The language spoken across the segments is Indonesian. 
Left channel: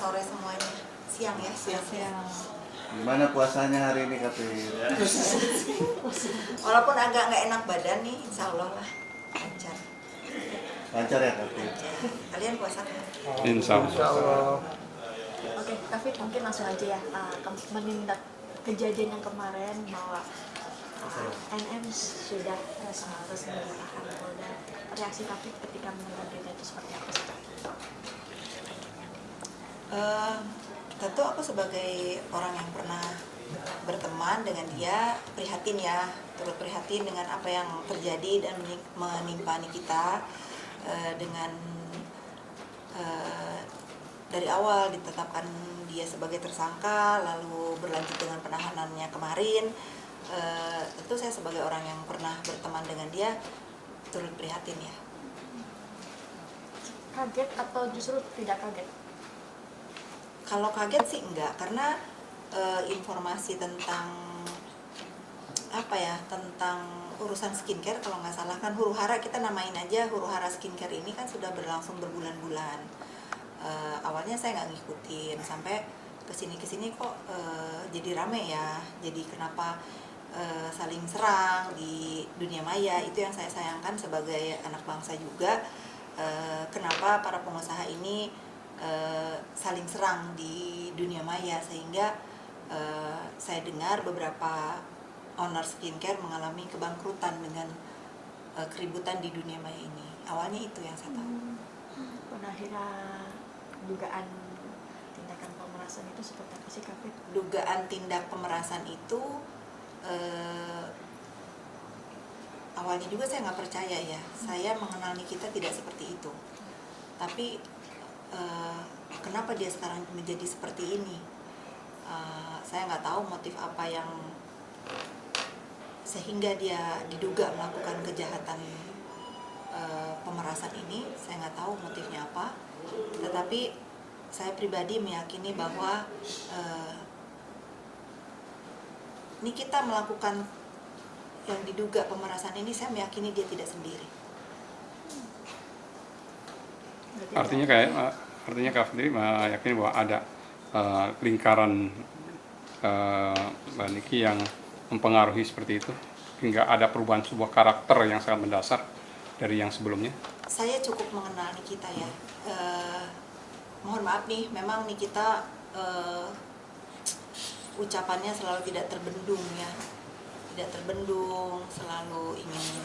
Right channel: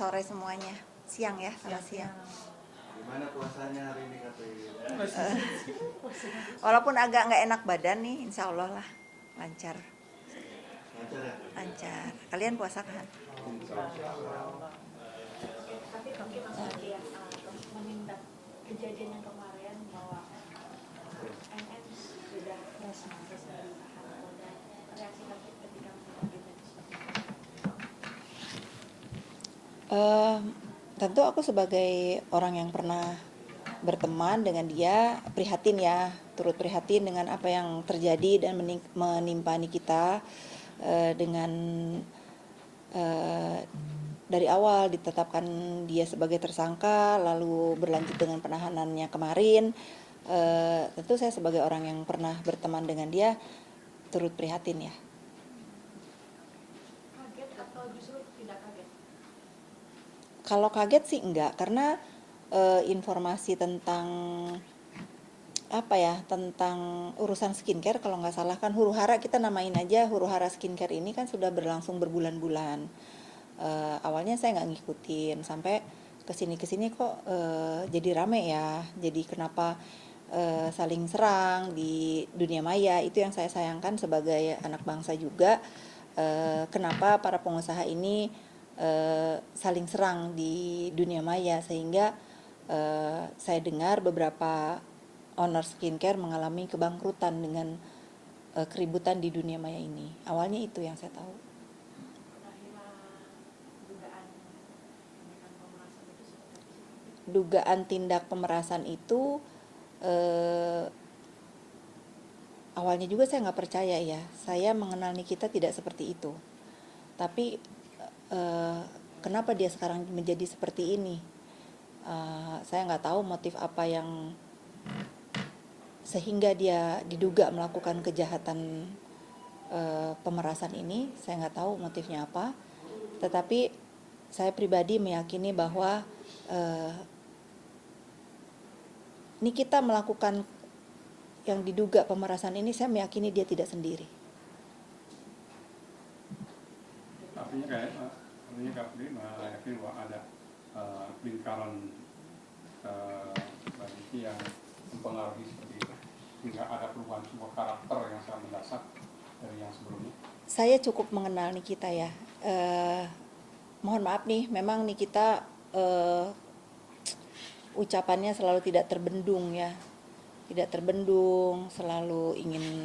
sore semuanya. Siang ya, siang. Gimana puasanya hari ini Kapit? Walaupun agak nggak enak badan nih, insya Allah lah lancar. Lancar ya Kapit? Lancar. Kalian puasa kan? Insya Allah. Oke, Kavit mungkin langsung aja ya, menindak kejadian yang kemarin bahwa NM sudah resmi ditahan Polda. Reaksi Kavit ketika mendengar berita itu seperti apa? Tentu aku sebagai orang yang pernah berteman dengan dia prihatin ya, turut prihatin dengan apa yang terjadi dan menimpa Nikita dengan dari awal ditetapkan dia sebagai tersangka, lalu berlanjut dengan penahanannya kemarin. Tentu saya sebagai orang yang pernah berteman dengan dia turut prihatin ya. Kaget atau justru tidak kaget? Kalau kaget sih enggak, karena informasi tentang tentang urusan skincare, kalau nggak salah kan huru hara, kita namain aja huru hara skincare ini kan sudah berlangsung berbulan-bulan. Awalnya saya nggak ngikutin, sampai kesini kok jadi rame ya, jadi kenapa saling serang di dunia maya. Itu yang saya sayangkan sebagai anak bangsa juga, kenapa para pengusaha ini saling serang di dunia maya, sehingga saya dengar beberapa owner skincare mengalami kebangkrutan dengan keributan di dunia maya ini. Awalnya itu yang saya tahu. Akhirnya dugaan tindakan pemerasan itu seperti apa sih Kavit? Dugaan tindak pemerasan itu awalnya juga saya nggak percaya ya. Saya mengenal Nikita tidak seperti itu. Tapi kenapa dia sekarang menjadi seperti ini? Saya nggak tahu motif apa yang sehingga dia diduga melakukan kejahatan pemerasan ini. Saya nggak tahu motifnya apa. Tetapi saya pribadi meyakini bahwa Nikita melakukan yang diduga pemerasan ini, saya meyakini dia tidak sendiri. Artinya Kak sendiri meyakini bahwa ada lingkaran Mbak Niki yang mempengaruhi seperti itu hingga ada perubahan sebuah karakter yang sangat mendasar dari yang sebelumnya. Saya cukup mengenal Nikita ya. Mohon maaf nih, memang Nikita ucapannya selalu tidak terbendung ya, tidak terbendung, selalu ingin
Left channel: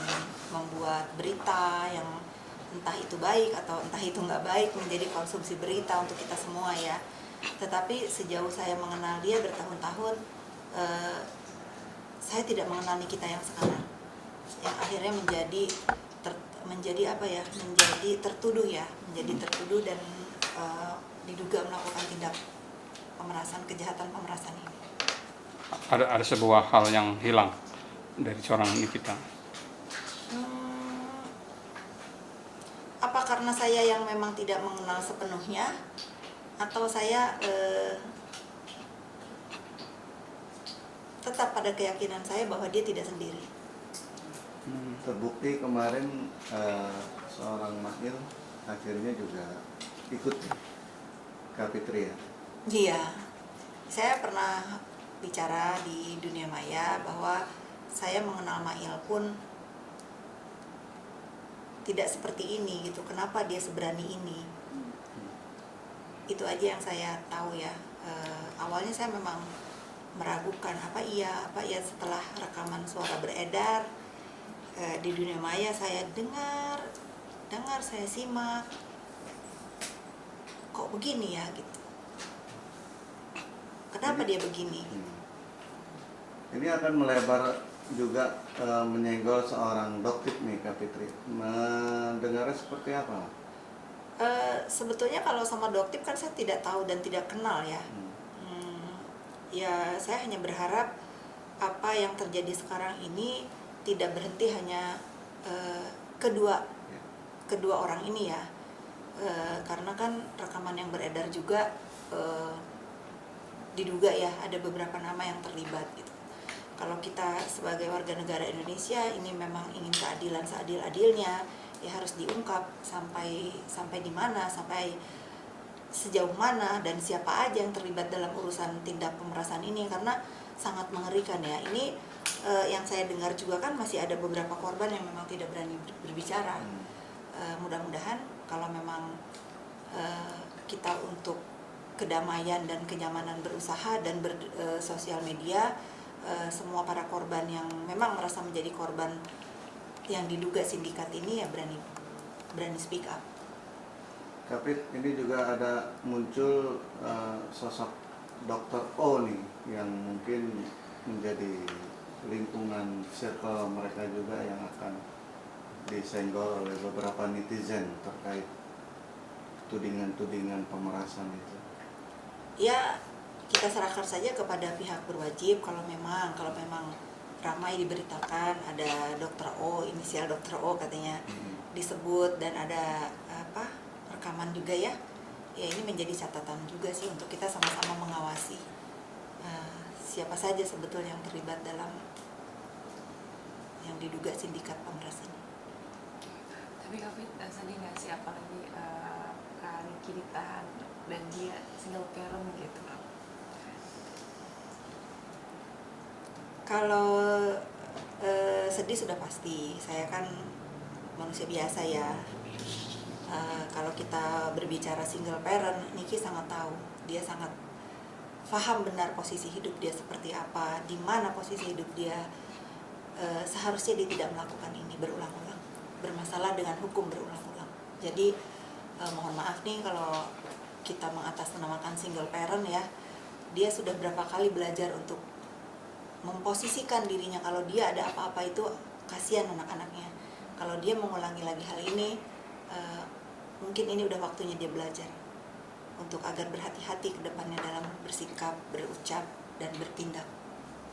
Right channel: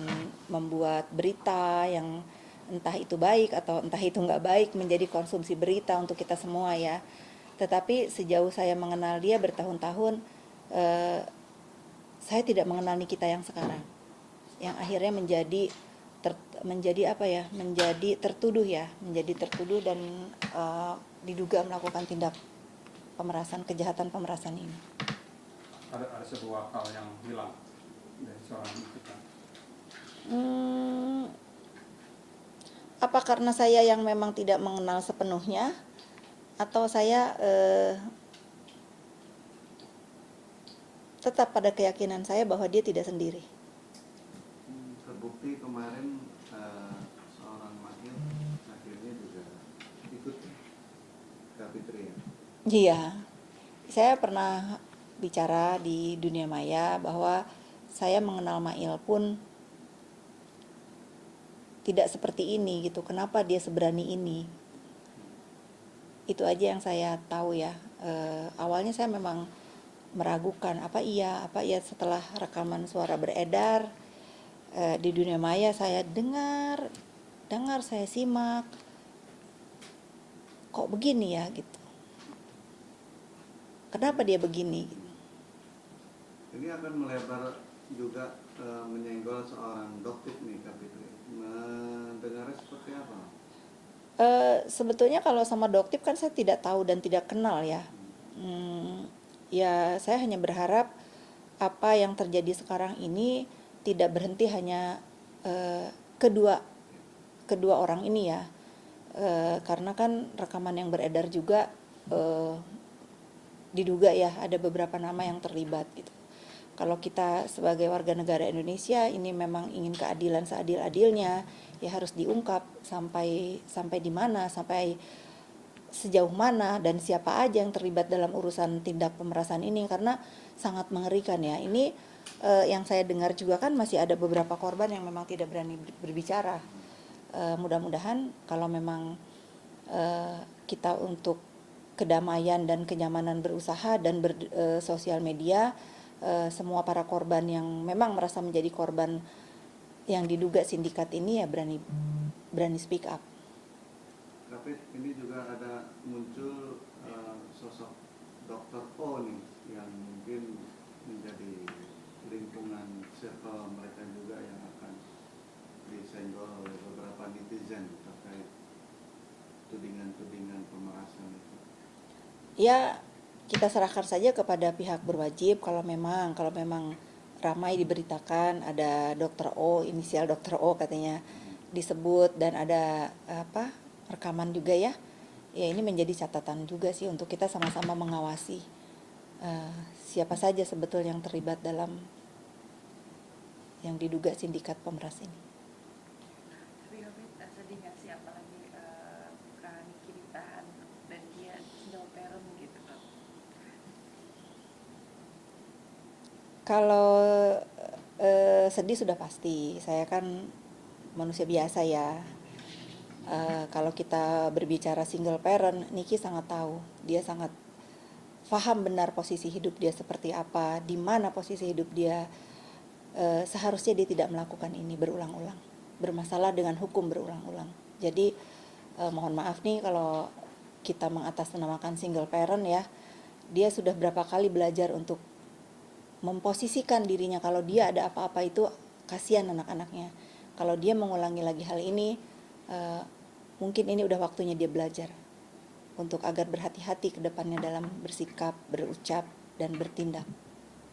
membuat berita yang entah itu baik atau entah itu nggak baik menjadi konsumsi berita untuk kita semua ya. Tetapi sejauh saya mengenal dia bertahun-tahun, saya tidak mengenal Nikita yang sekarang, yang akhirnya menjadi tertuduh dan diduga melakukan tindak pemerasan, kejahatan pemerasan ini. Ada sebuah hal yang hilang dari seorang Nikita. Apa karena saya yang memang tidak mengenal sepenuhnya, atau saya tetap pada keyakinan saya bahwa dia tidak sendiri. Terbukti kemarin seorang Mahil akhirnya juga ikut Kak Fitri ya? Iya, saya pernah bicara di dunia maya bahwa saya mengenal Mail pun tidak seperti ini gitu. Kenapa dia seberani ini? Itu aja yang saya tahu ya. Awalnya saya memang meragukan apa iya setelah rekaman suara beredar di dunia maya, saya dengar, saya simak, kok begini ya gitu. Kenapa dia begini? Ini akan melebar juga menyenggol seorang Doktip nih Kak Fitri. Mendengarnya seperti apa? Sebetulnya kalau sama Doktip kan saya tidak tahu dan tidak kenal ya. Ya saya hanya berharap apa yang terjadi sekarang ini tidak berhenti hanya kedua orang ini ya. Karena kan rekaman yang beredar juga diduga ya ada beberapa nama yang terlibat gitu. Kalau kita sebagai warga negara Indonesia ini memang ingin keadilan seadil-adilnya, ya harus diungkap sampai di mana, sampai sejauh mana dan siapa aja yang terlibat dalam urusan tindak pemerasan ini, karena sangat mengerikan ya. Ini yang saya dengar juga kan masih ada beberapa korban yang memang tidak berani berbicara. Mudah-mudahan kalau memang kita untuk kedamaian dan kenyamanan berusaha dan bersosial media, semua para korban yang memang merasa menjadi korban yang diduga sindikat ini ya berani speak up. Kapit, ini juga ada muncul sosok Dr. O nih yang mungkin menjadi lingkungan circle mereka juga yang akan disenggol oleh beberapa netizen terkait tudingan-tudingan pemerasan itu. Ya, kita serahkan saja kepada pihak berwajib. Kalau memang ramai diberitakan ada Dr. O, inisial Dr. O katanya disebut, dan ada rekaman juga ya. Ya, ini menjadi catatan juga sih untuk kita sama-sama mengawasi siapa saja sebetulnya yang terlibat dalam yang diduga sindikat pemeras ini. Tapi Kavit sedih nggak sih, apalagi Kak Niki ditahan dan dia single parent gitu? Kalau sedih sudah pasti, saya kan manusia biasa ya. Kalau kita berbicara single parent, Niki sangat tahu, dia sangat paham benar posisi hidup dia seperti apa, di mana posisi hidup dia. Seharusnya dia tidak melakukan ini berulang-ulang, bermasalah dengan hukum berulang-ulang. Jadi mohon maaf nih kalau kita mengatasnamakan single parent ya, dia sudah berapa kali belajar untuk memposisikan dirinya kalau dia ada apa-apa itu kasihan anak-anaknya. Kalau dia mengulangi lagi hal ini, mungkin ini udah waktunya dia belajar untuk agar berhati-hati ke depannya dalam bersikap, berucap, dan bertindak.